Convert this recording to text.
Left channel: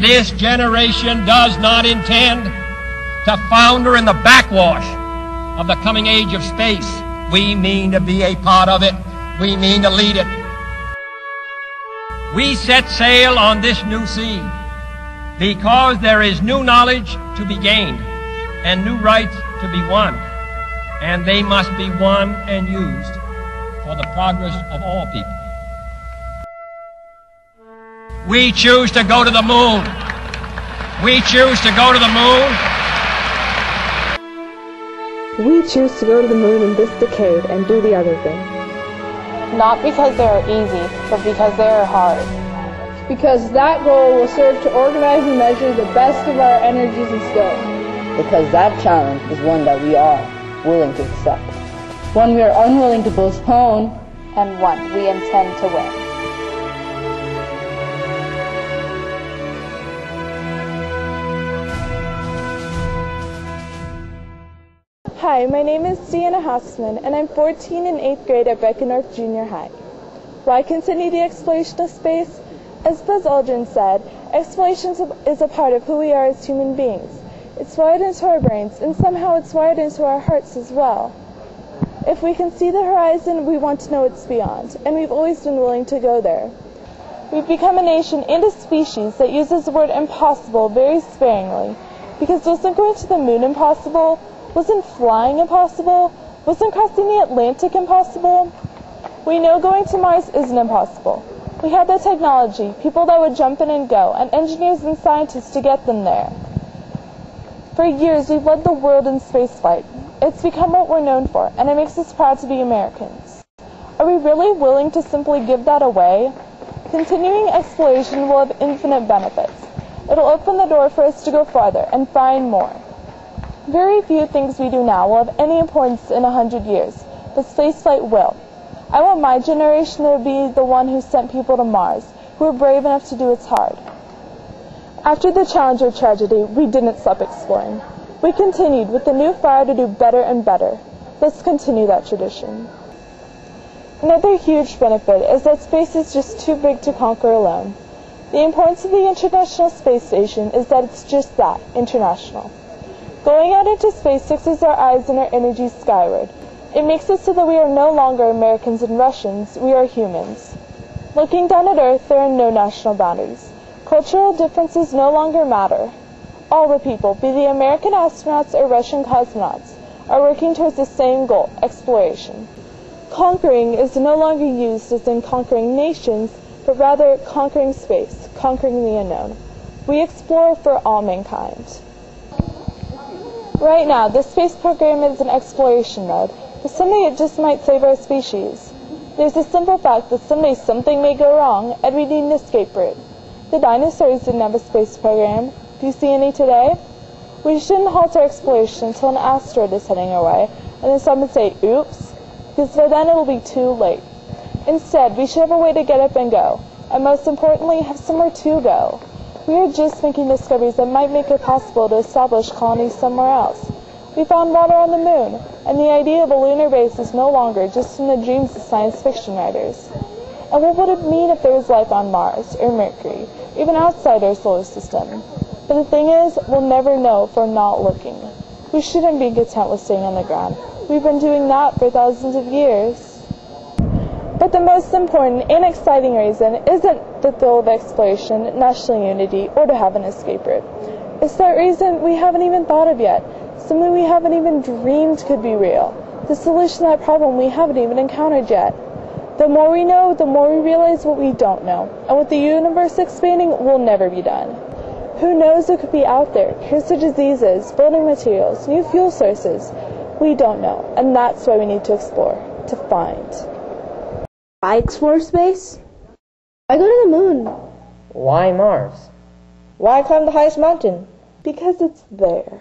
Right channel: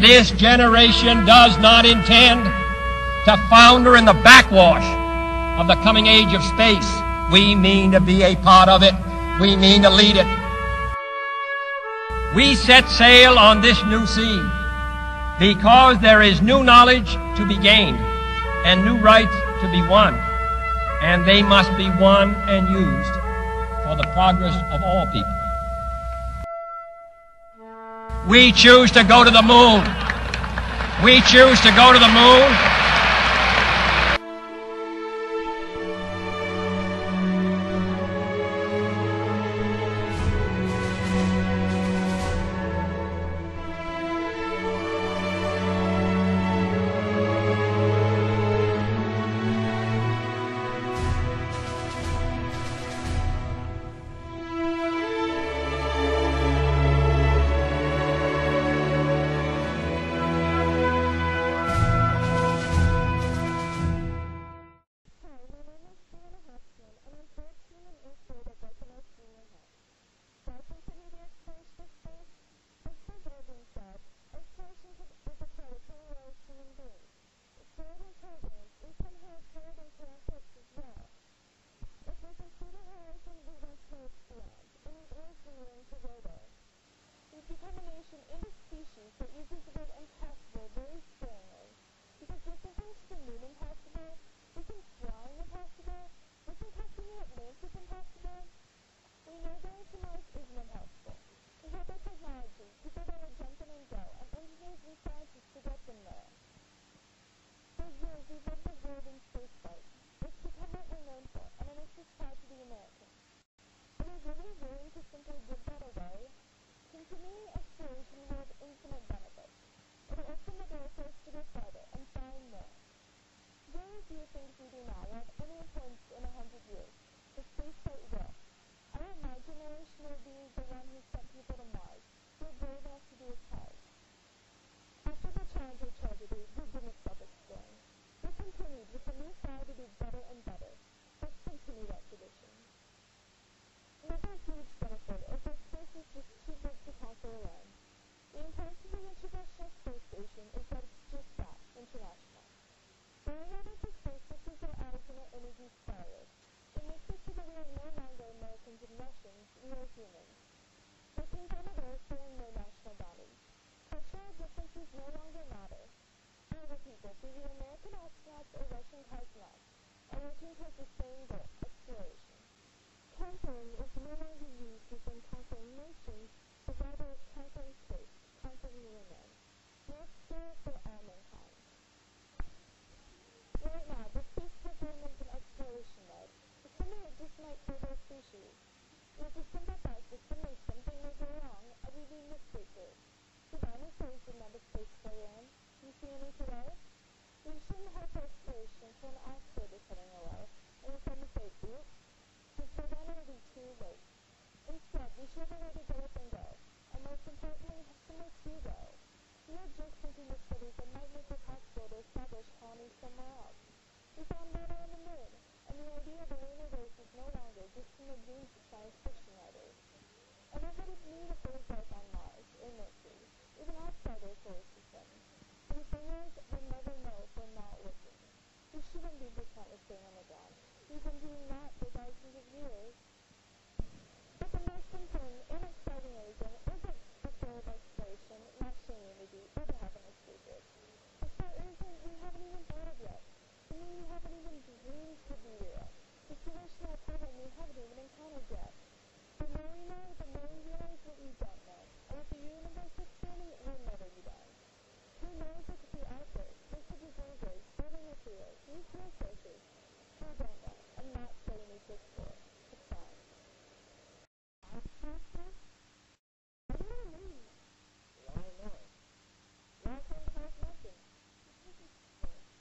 This generation does not intend to founder in the backwash of the coming age of space. We mean to be a part of it. We mean to lead it. We set sail on this new sea because there is new knowledge to be gained and new rights to be won, and they must be won and used for the progress of all people. We choose to go to the moon. We choose to go to the moon. We choose to go to the moon in this decade and do the other thing. Not because they are easy, but because they are hard. Because that goal will serve to organize and measure the best of our energies and skills. Because that challenge is one that we are willing to accept. One we are unwilling to postpone. And one we intend to win. Hi, my name is Deanna Hassman, and I'm 14 in 8th grade at Beckendorff Junior High. Why continue the exploration of space? As Buzz Aldrin said, exploration is a part of who we are as human beings. It's wired into our brains, and somehow it's wired into our hearts as well. If we can see the horizon, we want to know what's beyond, and we've always been willing to go there. We've become a nation and a species that uses the word impossible very sparingly, because wasn't going to the moon impossible? Wasn't flying impossible? Wasn't crossing the Atlantic impossible? We know going to Mars isn't impossible. We have the technology, people that would jump in and go, and engineers and scientists to get them there. For years, we've led the world in spaceflight. It's become what we're known for, and it makes us proud to be Americans. Are we really willing to simply give that away? Continuing exploration will have infinite benefits. It'll open the door for us to go farther and find more. Very few things we do now will have any importance in 100 years, but spaceflight will. I want my generation to be the one who sent people to Mars, who were brave enough to do its hard. After the Challenger tragedy, we didn't stop exploring. We continued with a new fire to do better and better. Let's continue that tradition. Another huge benefit is that space is just too big to conquer alone. The importance of the International Space Station is that it's just that, international. Going out into space fixes our eyes and our energies skyward. It makes it so that we are no longer Americans and Russians, we are humans. Looking down at Earth, there are no national boundaries. Cultural differences no longer matter. All the people, be they American astronauts or Russian cosmonauts, are working towards the same goal, exploration. Conquering is no longer used as in conquering nations, but rather conquering space, conquering the unknown. We explore for all mankind. Right now, the space program is in exploration mode, but someday it just might save our species. There's a simple fact that someday something may go wrong, and we need an escape route. The dinosaurs didn't have a space program. Do you see any today? We shouldn't halt our exploration until an asteroid is heading our way, and then someone say, oops, because by then it will be too late. Instead, we should have a way to get up and go, and most importantly, have somewhere to go. We are just making discoveries that might make it possible to establish colonies somewhere else. We found water on the moon, and the idea of a lunar base is no longer just in the dreams of science fiction writers. And what would it mean if there was life on Mars, or Mercury, even outside our solar system? But the thing is, we'll never know if we're not looking. We shouldn't be content with staying on the ground. We've been doing that for thousands of years. But the most important and exciting reason isn't the thrill of exploration, national unity, or to have an escape route. It's that reason we haven't even thought of yet, something we haven't even dreamed could be real, the solution to that problem we haven't even encountered yet. The more we know, the more we realize what we don't know, and with the universe expanding, we'll never be done. Who knows what could be out there? Cancer diseases, building materials, new fuel sources. We don't know, and that's why we need to explore, to find. Why explore space? Why go to the moon? Why Mars? Why climb the highest mountain? Because it's there.